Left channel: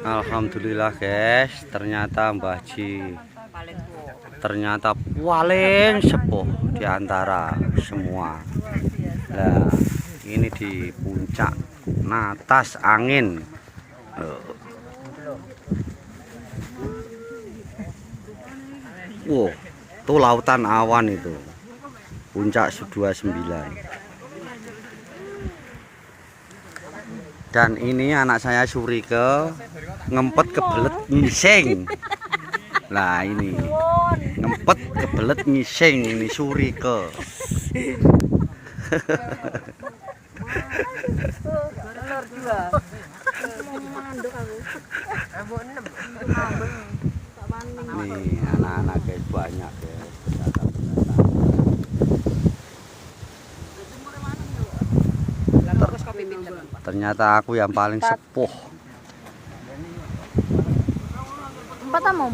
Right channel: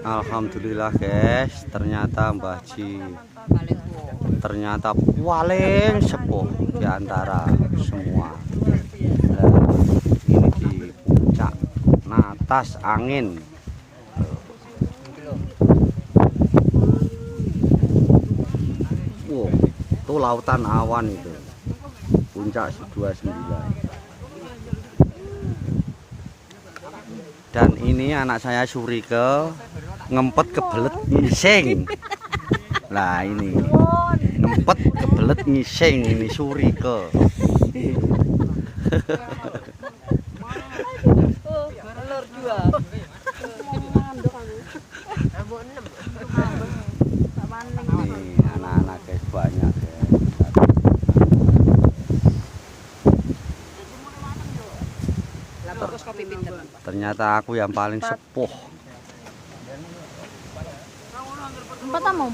Alhamdulillah guys, ternyata Mbah Ji ternyata paling sepuh di antara semua. Nah, ini di puncak Natas Angin. Wow, itu lautan awan itu. Puncak 29. Dan ini anak saya Surike ngempet kebelet ngising. Nah ini ngempet kebelet ngising ini Surike. Telur dua. Nih anak-anak guys, banyak guys. Ternyata aku yang paling sepuh. 4 mau